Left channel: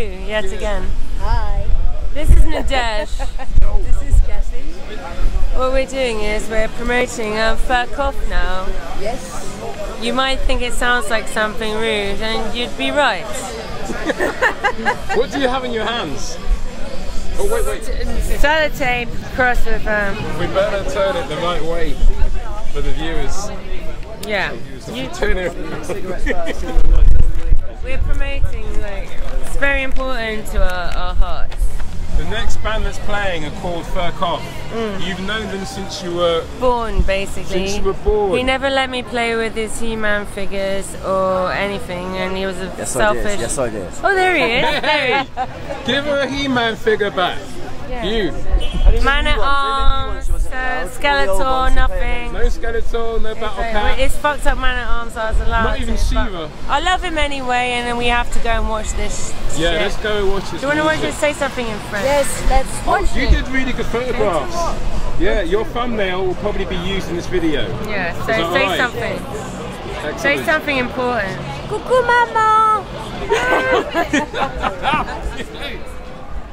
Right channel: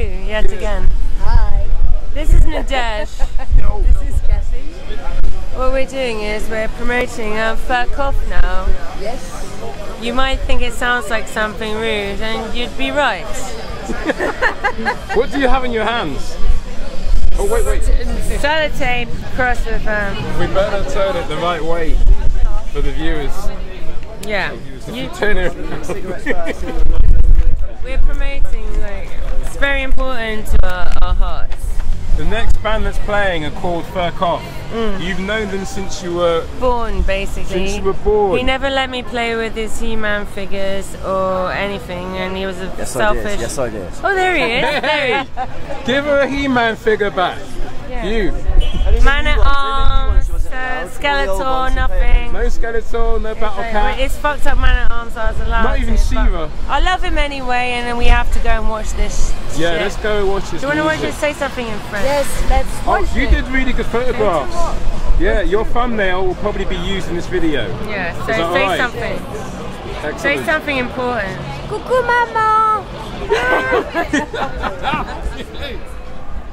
you yet again. Hi. This is Nadege. This is Cathy. What we're doing is we're promoting Fuck Off now. Yes. You might think it sounds like something rude, and you'd be right. What do you have in your hands? Oh wait. Sellotape crossed with We better turn it the right way for the viewers. yeah. You turn it. We're promoting, like, it's very important to our hearts. The next band that's playing are called Fuck Off. You've known them since you were Born, basically. Since you were born. He never let me play with his He-Man figures or anything, and he was a selfish. Yes, I did. Oh, there he is. Hey, give her a He-Man figure back. Yeah. You. Man at arms, Skeletor, nothing. No Skeletor, no Battle Cat. It's fucked up Man at arms, I was allowed Not even to, She-Ra. I love him anyway, and then we have to go and watch this Yeah, shit. let's go and watch this. Do you want to watch music. it? Say something in French. Yes, let's watch You it. did really good photographs. Yeah, your thumbnail will probably be used in this video. Yeah, so Is that say right? something. Excellent. Say something important. Coucou maman.